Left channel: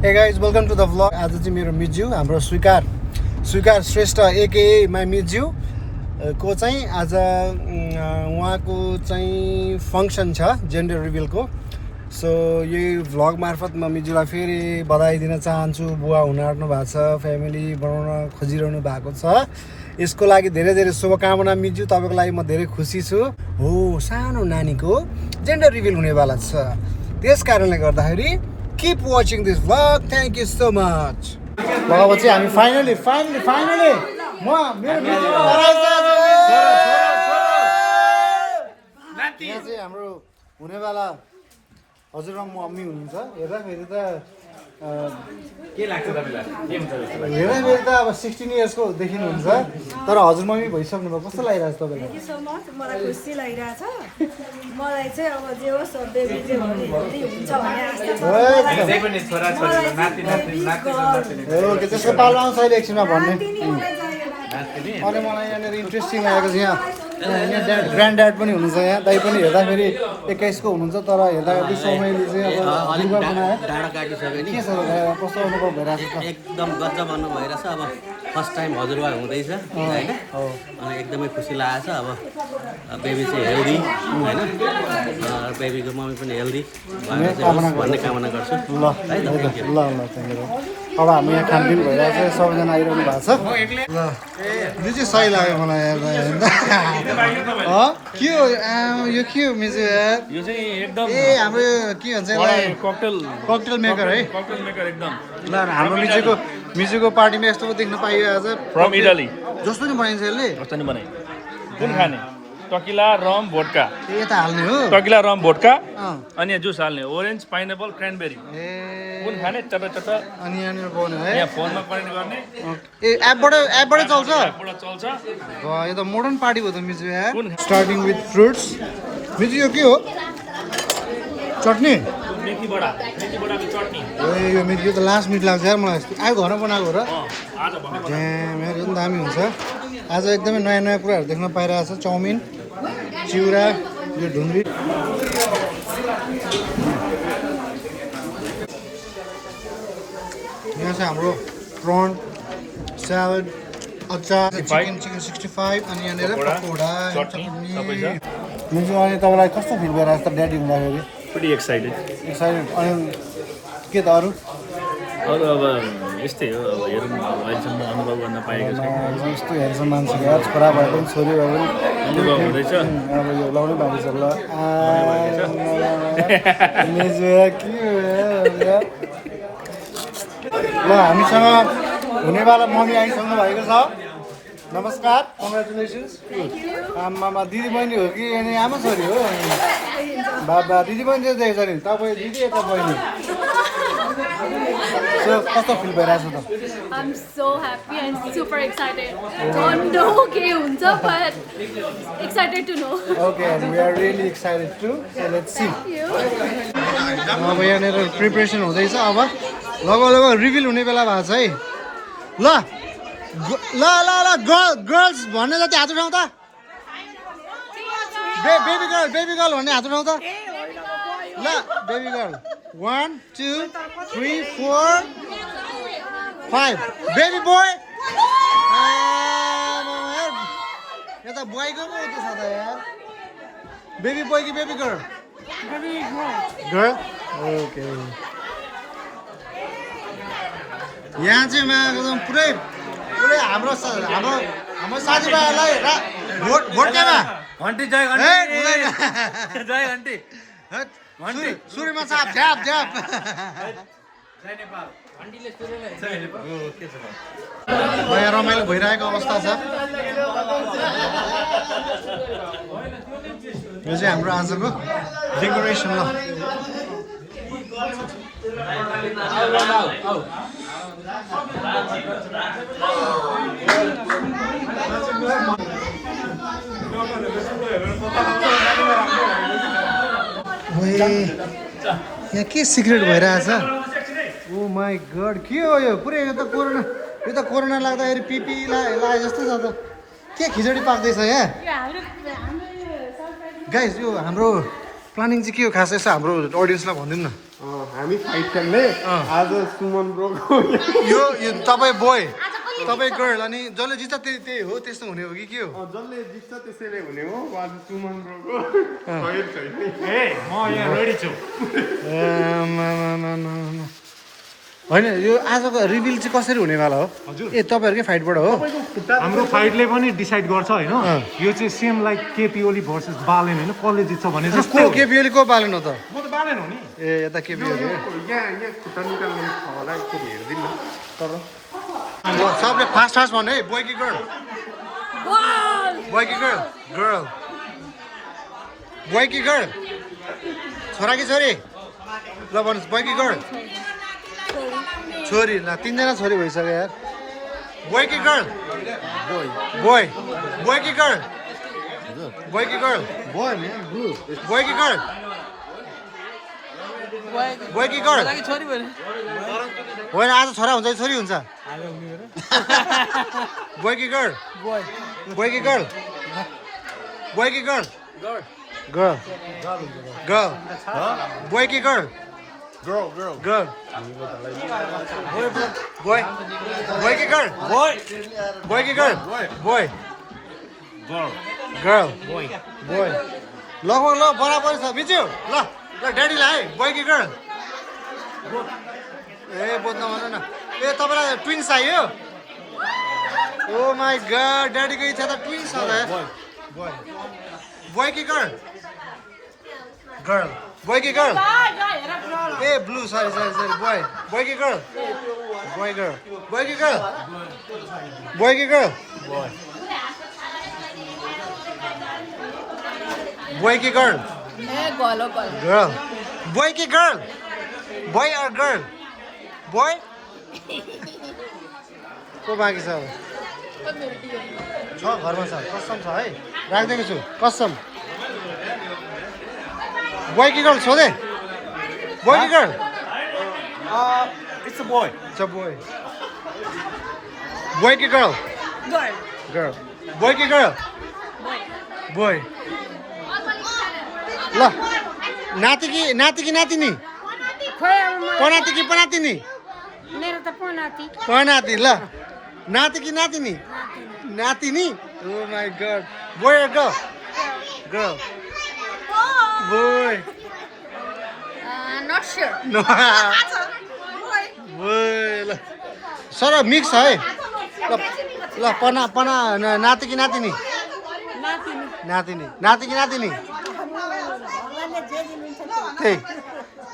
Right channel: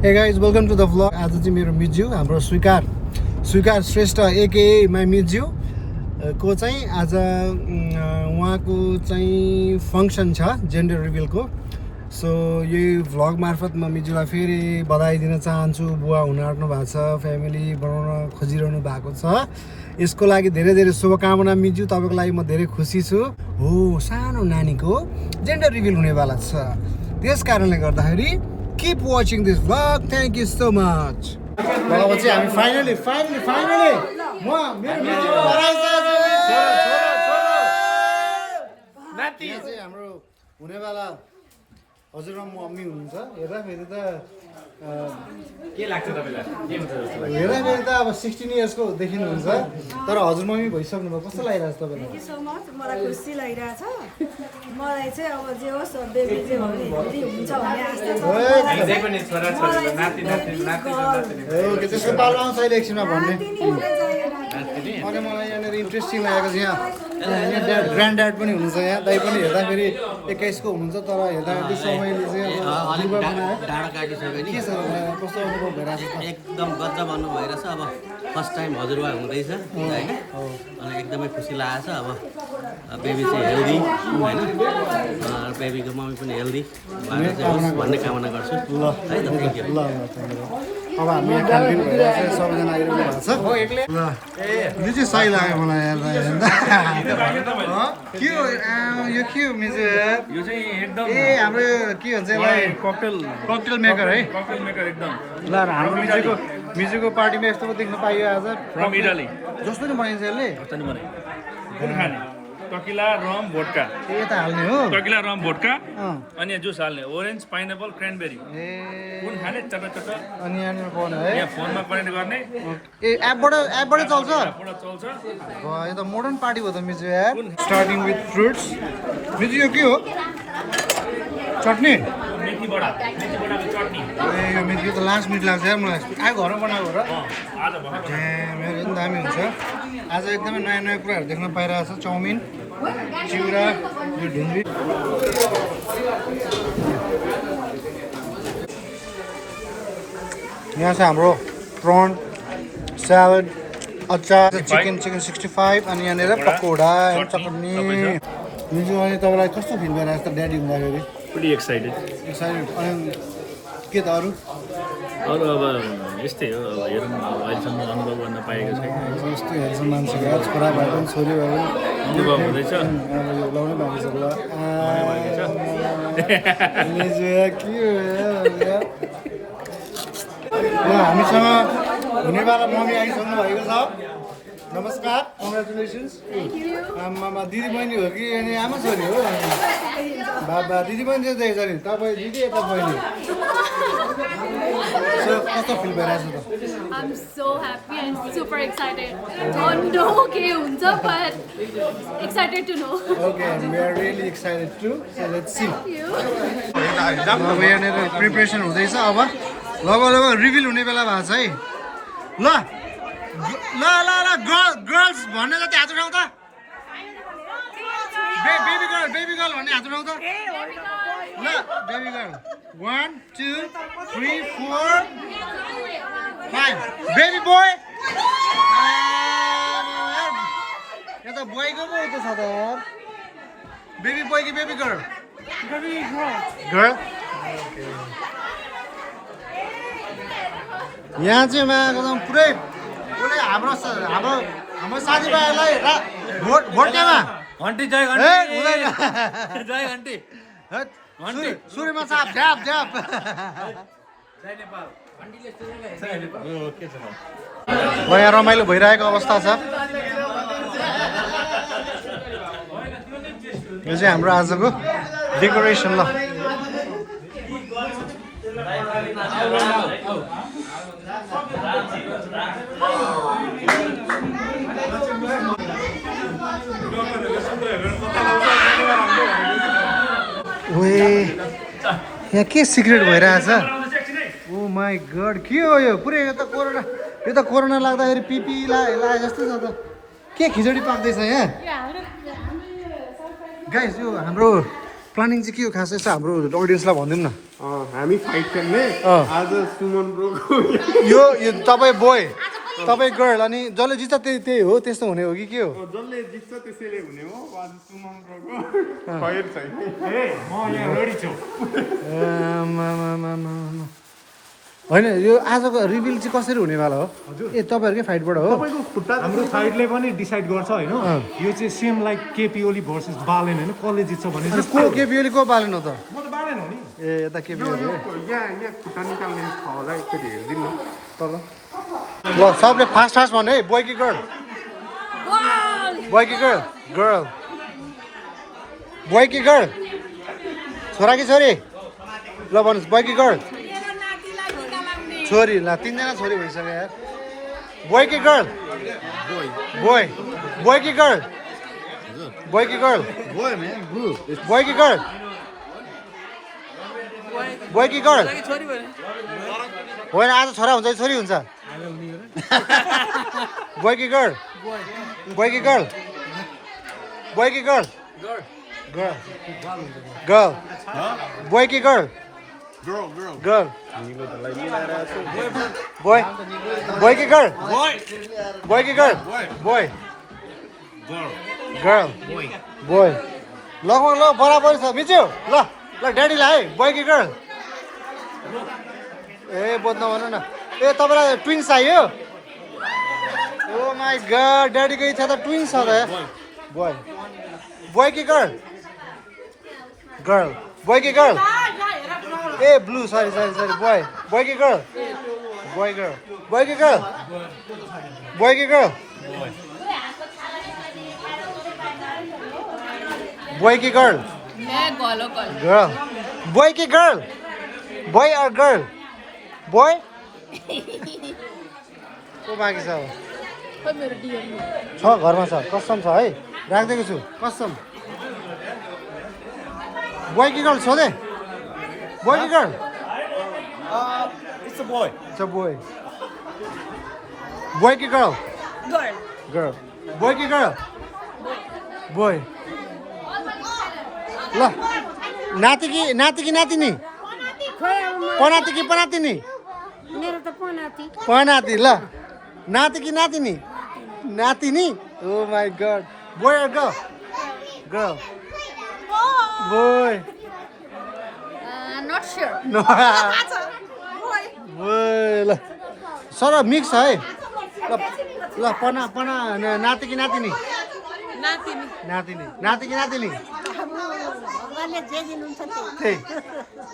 Hey guys, welcome to the vlog. आज चाहिँ मेरो मिज्यू हाम्रो स्वीकार श्रेष्ठ एके माई मिज्यू को चाहिँ आज उहाँको चाहिँ फङ्सन छ जेन्डर रिभिलको। सो यही भ्लग मार्फत म मिज्यूलाई फेरि बधाई दिन चाहन्छु। बुवा हुन आँट्नु भएको छ, फ्यामिली बनाउन खोजिरहनु भएको छ। यसको लागि धेरै धेरै शुभकामना मिज्यू, तपाईँको लागि म धेरै खुसी छु। हो, सानो नानीको जेन्डर रिभिल हुनेवाला छ, त्यस कारणले गर्दाखेरि keep watching this vlog. Thank you so much. भएपछि हामी फाइनली म मेरो नाति यहाँ चाहिँ हाम्रो हुनेवाला हजुरबा मम्मी हुनुहुन्छ। हेर्दाखेरि त के लाग्छ तपाईलाई? के हुन्छ जस्तो लाग्छ? हेर्दाखेरि त अब 16 इयर्सको देखिनुहुन्छ, तर हजुर मम्मी भइसक्नु भयो। कस्तो लागिरहेछ तपाईँलाई? Thank you so much. मलाई खुसी लागिरहेछ। मलाई चाहिँ अब जे होस् बेबी जे भने हेल्दी हुन्छ भन्ने आशा छ। त्यही पनि छोरा छोरीले नाति ओके, त्यसको पालो आउँछ अहिले एकछिनमा भन्ने। अनि मलाई यहाँनिर इन्ट्रेस्टिङ लागेको छ। यहाँ ड्याड ग्रान्ड ड्याड पनि हुनुहुन्छ, यहाँ दाइ पनि हेर्दाखेरि 21 को हुनुहुन्छ, तर हेर्दाखेरि समयले चाहिँ अब युवा बनायो। डाँडा काटिसक्यो नि। के छ कस्तो अनुभव भइरहेको छ? एकदम गजब अनुभव भइरहेछ। अब फर्स्ट टाइम हजुरबा हुँदैछ होइन, अनि एकदमै खुसी लागेको छ। अब बेबी चाहिँ हेल्दी होइन, बेबीको मम्मी पनि हेल्दी भन्ने कामना गर्छु। ल है त, ल थ्याङ्क यू। अब हामी यहाँ खानपिन भइरहेको छ, सबैजना आइरहनु भएको छ। ल यो चाहिँ सही लाग्यो मलाई हेर्दा के हो यो, के हो मिजु? यो चाहिँ एकदम हाम्रो के भन्छ यसलाई? ककटेल मेकर है। ककटेल मेकर एकदम। ल हाम्रो मिजुको पार्टीमा यस्तो पो देख्न पाइयो आज। From Italy. जस्तो नि बनाइन्छ यसले। कस्तो नि बनाइ? कुन खाने? टकिला रम भोडका। यता हाल्ने हो? टकिला रम भोडका अनि जुस हाल्ने, ओरेन्ज पाइनएप्पल क्र्यानबेरी। कुन ए खाने? चटा अनि यहाँनिर पाउने है। यहाँ फोनमा कनेक्ट गर्ने। ए एपबाटै चल्छ? पुरा चल्छ। यो त मोडर्न पार्टी भयो त मिजु यार। Starting with fruits. मिजु यो के हो? चटनी? मेथी बडाको चटनी। ए यो मिजु यो त लास्ट मिट लाग्छ यार मलाई। आयो घरमा बनाएको र यहाँ एकदम दामी हुन्छ। आज एकदमै नयाँ नयाँ कुराहरू देख्न पाइरहेको छ। चाउमिन, चिउरा, यो ढुङ्ग्री। यहाँ चाहिँ हाम्रो प्रन, स्यालेड, अचार, चिकन 65 अनि यहाँनिर पकौडा, चटनी। मिजु अनि तपाईँलाई कस्तो फिल भइरहेको छ त ड्याडी हुँदाखेरि? pretty excited. अनि के त अरू? अब यस्तै हो, अब हेरौँ अहिलेसम्म अनुभव गर्न पाएको छैन। यस्तो हेर्छ मान्छेको यार, छोरा भए पनि छोरी भए पनि अनुभव हुँदैछ। अब यो लाउनै बाँकी छ। ल मिजु के हो यार? ल हामीसँग हुनेवाला मम्मी आइसक्नु भएको छ। नमस्कार, कङ्ग्रेचुलेसन्स। आमामा दिदी बहिनी हो कि अनि आमा छोरी हो? बाबा दिदी बहिनी चाहिँ देखेको छ नि, तपाईँ दिदी यता बहिनी। सो कस्तो फिल भइरहेछ त? I'm so happy and super excited. Don't know के हुन्छ, but excited to know. Okay, and we are really excited too. So let's see. अब यहाँनिर प्रिपरेसन हुँदैछ। अब लगभग रिभिल हुने बेला भएको छ है। ल ल ल ल गर्ल्स भन्ने जति हात उठाउँ त। बेबी गर्ल भन्ने हात उठाउँ त। ल बेबी गर्ल 1 2 3 4 5। बेबी बोय यता बोयको पो त छ त यार। बेबी बोय कि बेबी गर्ल? गर्ल। यहाँ चाहिँ एकदम पुरै हाम्रो साथीभाइहरूलाई भोट केमा घन्टी जय जय घन्टी सुरुमा साप झ्याप झ्याप। जय नेपाल। यहाँ रमाइलो भइरहेको अवस्था छ। यो चाहिँ हाम्रो आजको डेकोरेसन। ल यहाँ के सिक्रेट भइरहेछ? ओ माई गड, के हो यो? पुरै यो त कोरोना लाग्दाखेरि पिपी लाए जस्तो छ त। के खिचडी पाक्दैछ यहाँ? गाइस यो हाम्रो प्लानिङ चाहिँ के हो खास? यसो हाम्रो अडियन्सलाई भनिदिउँ न। हामी फाइट खेल्ने आज सुमन ब्रोको यो तपाईँ बोय तपाईँ गर्ल अनि जसले जित्छ त्यही हो त्यस्तो हुने हो कि के हो जसले जित्छ त्यसैले हुने हो आज सुमन ब्रोको फाइट छैन म यहाँ रेडी छु होइन यो आजको रिभिल चाहिँ कसरी हुनेवाला हो ए तपाईँहरूकै फाइटबाट हो हाम्रो फाइटले पनि डिसाइड गर्छ होइन यो चाहिँ same like KP Oli versus Balen होइन कसले जित्छ भने अनि को केपिओली को बालेन हो त म त बालेन हो नि ए यता केपिओली यहाँ खुट्टा निकाल्ने छ होला एकचोटि हेरिदिनु न ल सबले फास्ट फास्ट भन्नु है बोय कि गर्ल बोय कि गर्ल गर्ल बोय कि गर्ल छोरा कि छोरी ल भन्नुहोस् बोय कि गर्ल छोरी ल तिनजना छोरी भइसक्यो यार बोय कि गर्ल बोय बोय कि गर्ल बोय कि girl boy man blue boy कि गर्ल बोय कि गर्ल होइन आज छोरा हुन्छ छोरी हुन्छ बोय कि गर्ल बोय कि गर्ल बोय कि गर्ल गर्ल गर्ल बोय कि गर्ल गर्ल बोय बोय कि गर्ल बोय कि गर्ल बोय गर्ल बोय ल ल बराबर छ मिच्यो ल ल ड्याडीलाई है बोय कि गर्ल ए बोध्न भन न ए तपाईँलाई ट्विन्स चाहियो ओ माई गड ड्याडीको इच्छा त ट्विन्स छ र बोय बोय कि गर्ल गर्ल बोय कि गर्ल ए blue sorry sorry sorry boy boy कि गर्ल बोय गर्ल बोय कि गर्ल बोय कि गर्ल बोय कि गर्ल गर्ल बोय कि girl boy or girl boy को बाँकी छ अब छ घरमा छ कसम छ है राखिदिएको छु कसम बोय कि गर्ल सोधे बोय कि girl it's a boy It's a boy. Boy ki girl? Girl. Boy ki girl? Boy. ल नाति कि नातिनी पनाती कि पनातिनी मेरो त पनाती पनाती ल नाति कि नातिनी नातिनी oh my god boy or girl? Girl. Boy. Not sure No. Boy. ल सर मिक्स है ल ल पना पना नाति कि नातिनी नातिनी नातिनी नाति कि नातिनी भगवानले जे दिनुहुन्छ त्यही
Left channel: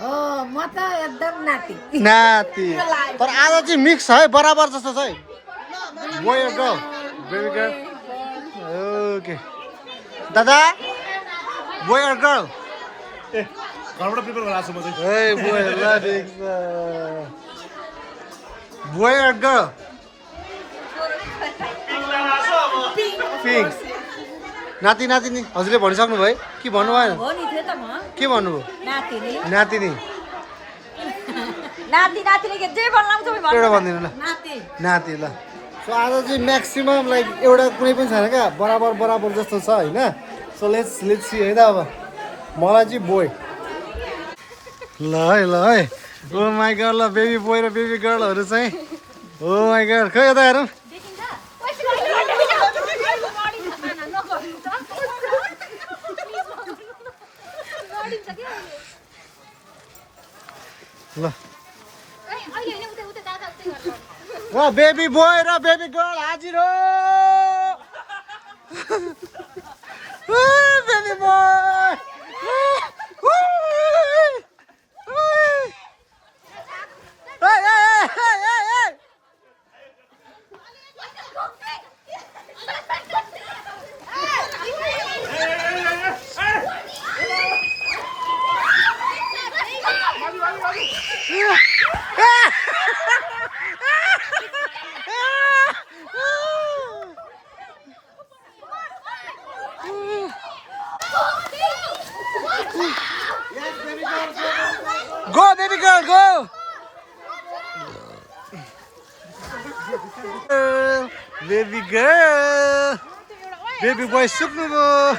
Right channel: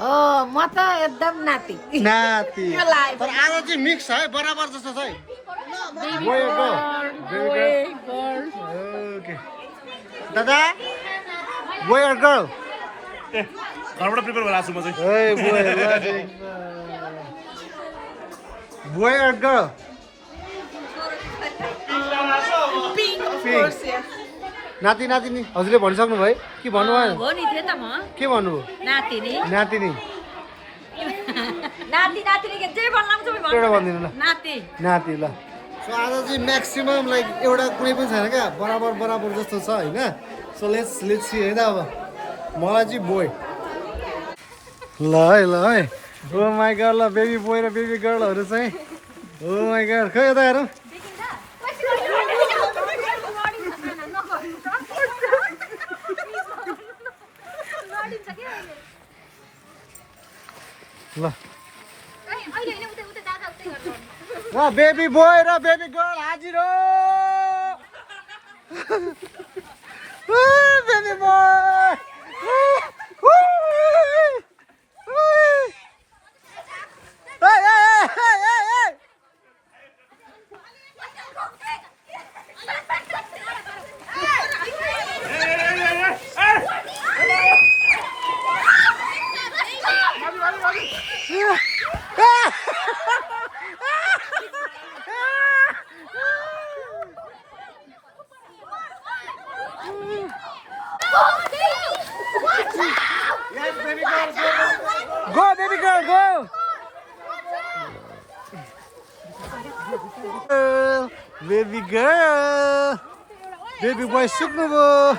हो म त एकदम नाति नाति तर आज चाहिँ मिक्स है बराबर जस्तो छ है boy or girl? Baby girl. Okay दादा बोय or girl? घरबाट प्रिपेयर भएर आएको छु म चाहिँ ए बोय ल ठिक छ बोय or girl? पिङ्क नाति नातिनी हजुरले भनिसक्नु भयो कि भन्नु भएन हो नि थियो त म के भन्नुभयो नातिनी नातिनी नाति नातिनी के जे भन्नु एउटा भनिदिनु ल नाति नाति ल सो आज चाहिँ म्याक्सिमम लाइक एउटा कुनै पनि छैन क्या बराबर बराबर जस्तो छ होइन सो लेट्स सी है त अब मलाई चाहिँ बोय ल है ओ माई गड ल बेबी बोय र बेबी गर्लहरू चाहिँ ओ माई गड खै यता हेरौँ ल बेबी बोय र बेबी गर्ल हाजिर हो baby boy Go, baby girl, go! Baby girl! Baby boy, सुक्नु भयो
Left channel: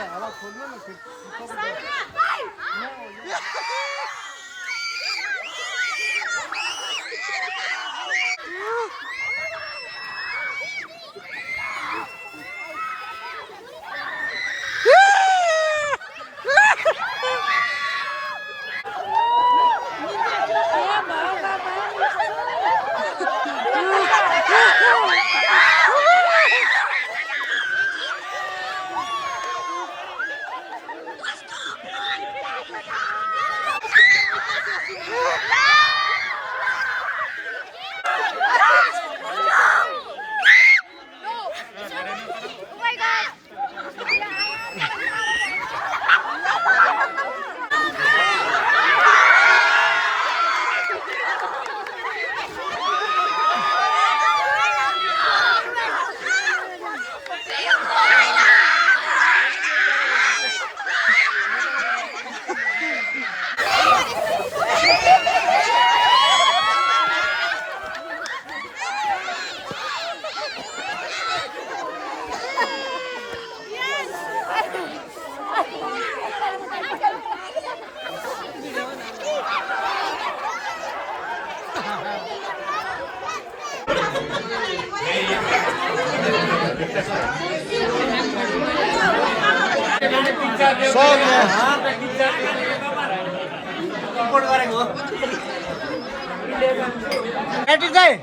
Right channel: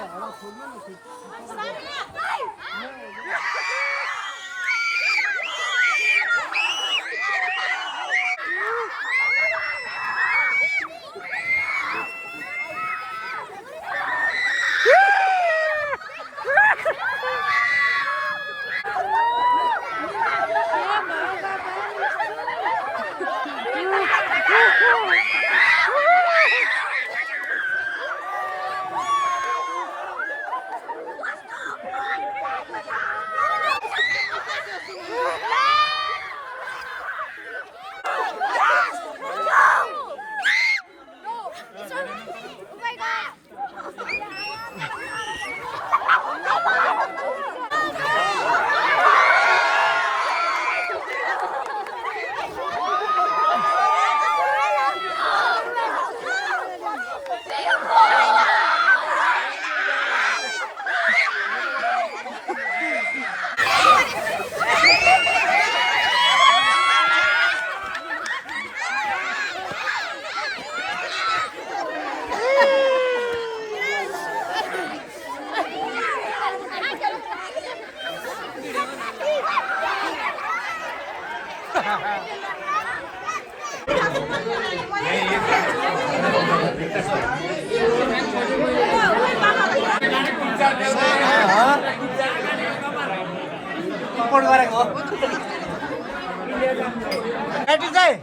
केटी चाहिँ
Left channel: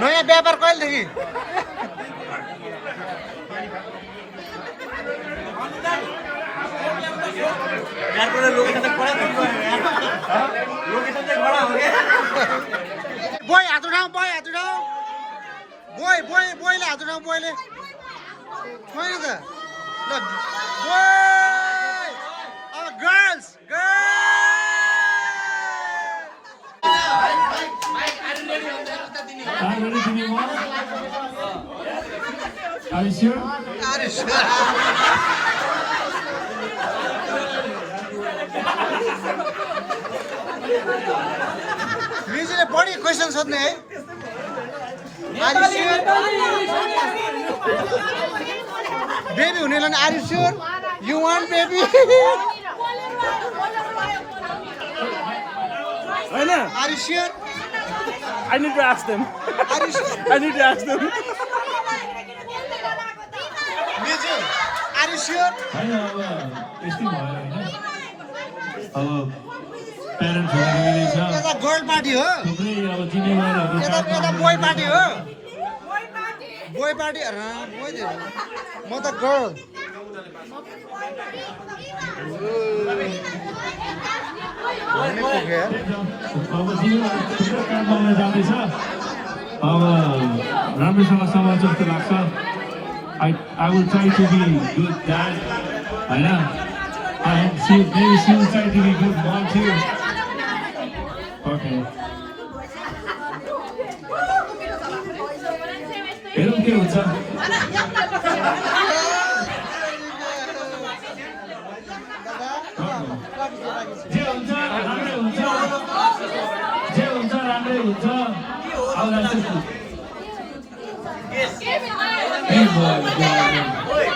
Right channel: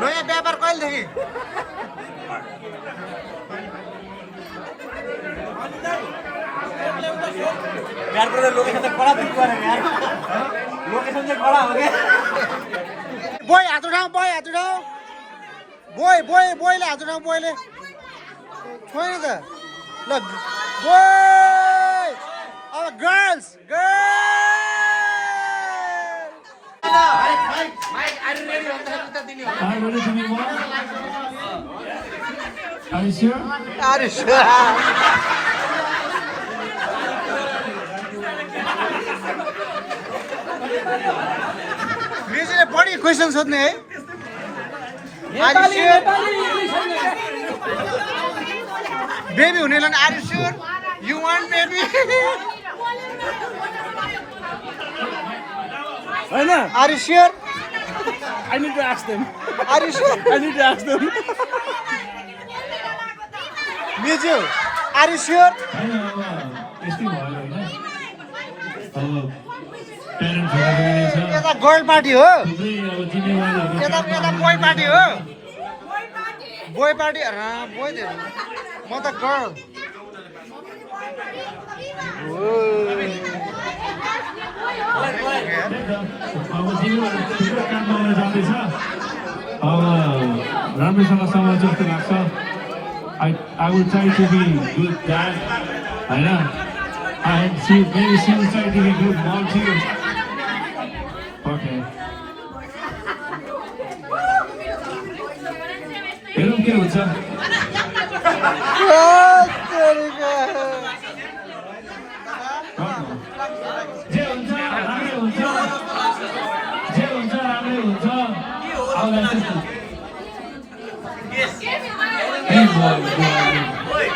नयाँ व्यापार कहिलेदेखि बोय हात उठाऊ बोयले हात उठाऊ बोयले छोइन त ल बोय अब गर्ल्स Are you sure? म्युजिकले बढी क्वेसन सोध्ने है आर यु स्योर बेबी हुनेलाई are you sure you want baby होइन are you sure I need to ask them. Are you sure I need to ask them. Music are you sure होइन अब यस्तै भयो होइन अब प्यारेन्ट्सहरू गइरहेछ यता गर्ल पार्टी हो थुप्रै अब जिम्मेवारीहरू यता बोय पार्टी हो बोय पार्टी बोय म त गर्ल अब थुप्रै काम गर्न जाँदैछ अब राम्रोसँग सम्हाल्छ जस्तो लाग्छ I will try to be good dad, होइन maybe she will try to be good mom too. Okay. हेरौँ के हुन्छ जे हुन्छ राम्रै हुन्छ आउँदा चाहिँ Hey boy.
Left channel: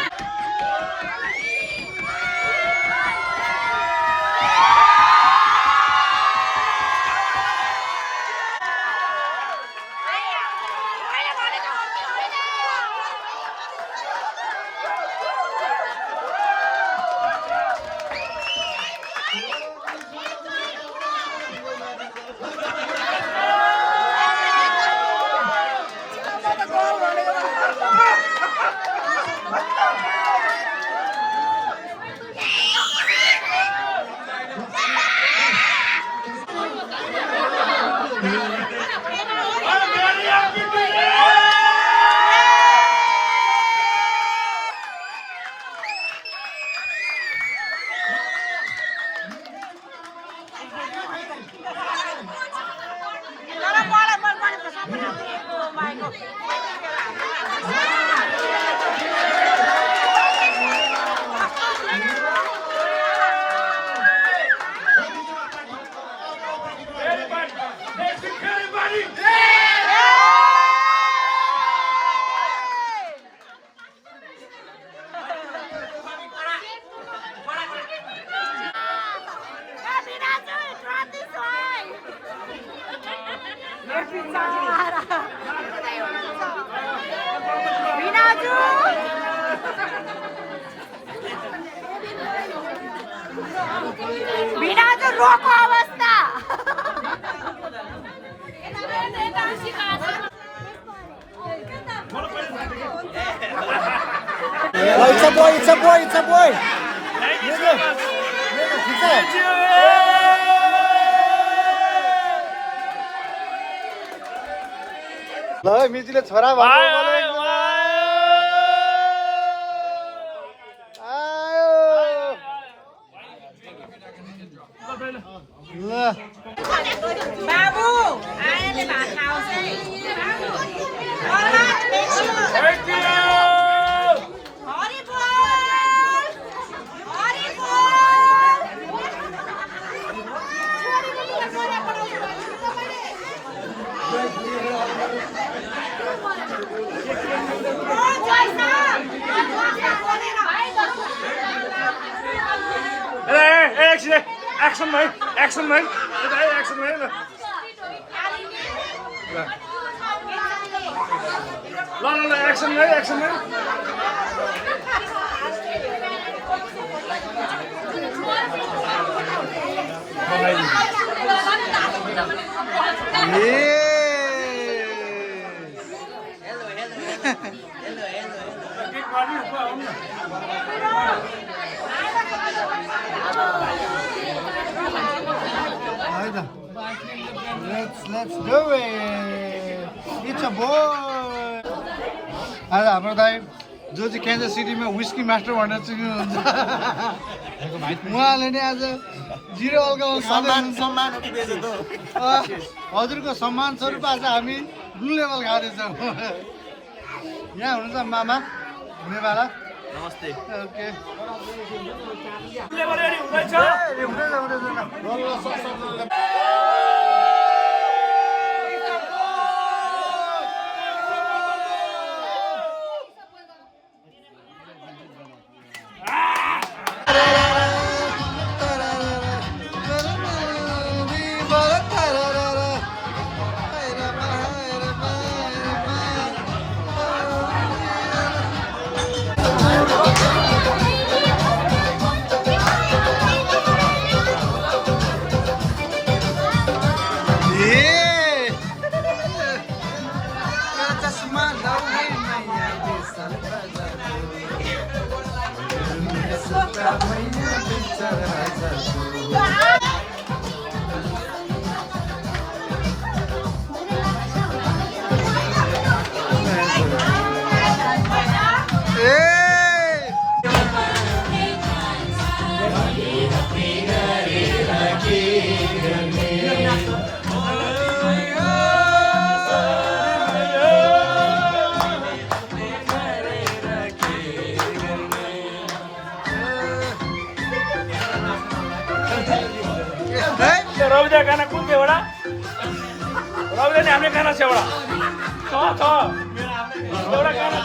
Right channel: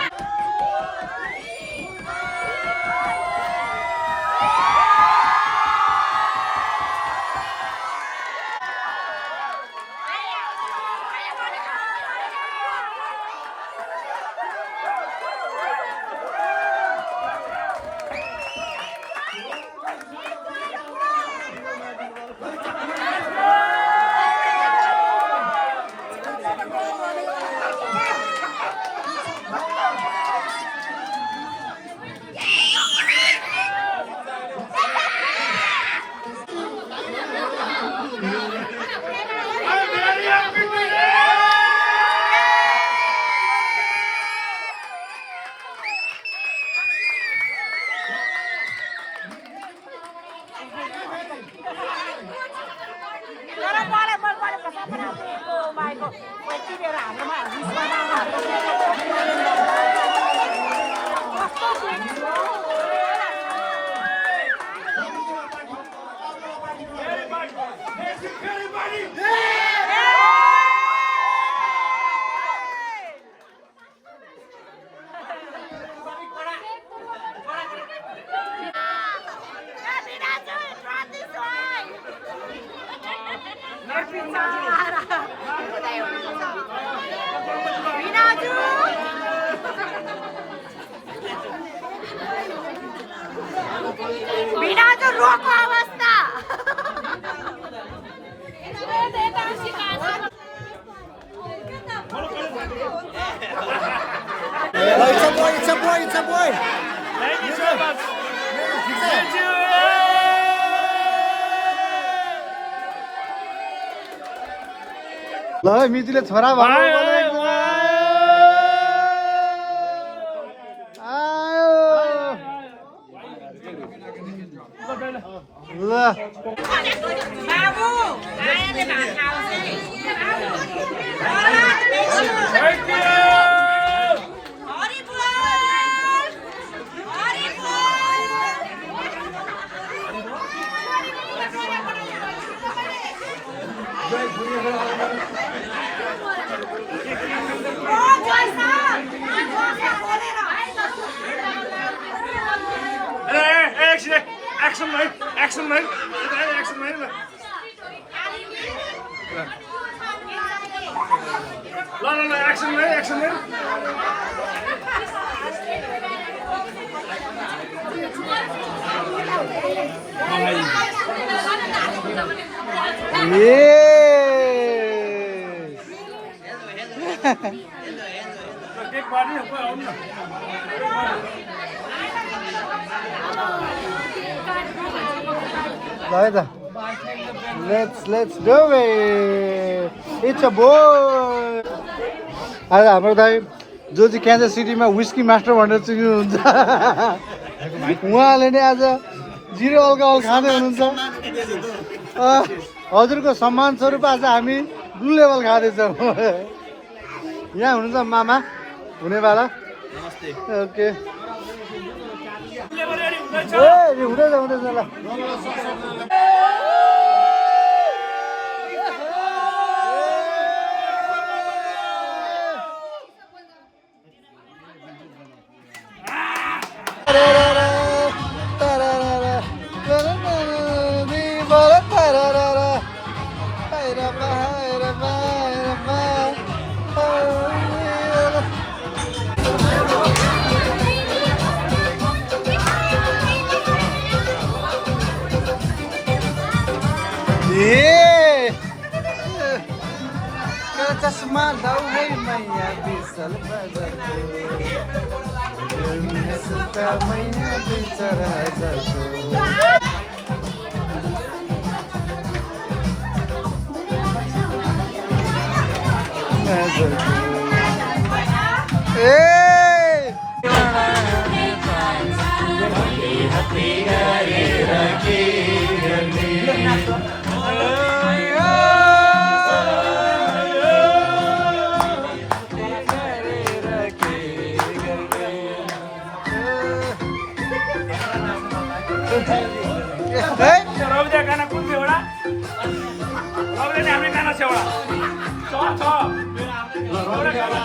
भिडाजु रोको अवस्था It's a boy. ल मितिले छोरा बाबु आएले भात खाओस् है Hari Action, man! Action, man! Let's go it. It's a boy. आज हाम्रो दाइ जो चाहिँ क्यान्सर सिटीमा विस्की मास्टर भनेर चिन्नुहुन्छ उहाँले नै आज 0 अल्कोहल खाँदै हुनुहुन्छ हजुरको सम्मान स्वरूप आज हामी ब्लू लेभल खाँदैछौँ यहाँ हुनुहुन्छ मामा हुनेवाला नमस्ते ओके चश्मा लाऊ है मैया बिसल बजारको मैया बिचर हजारको गाना कुन थियो एउटा रविले नि हाम्रो गाना छ एउटा छ मेरो आफ्नो गाना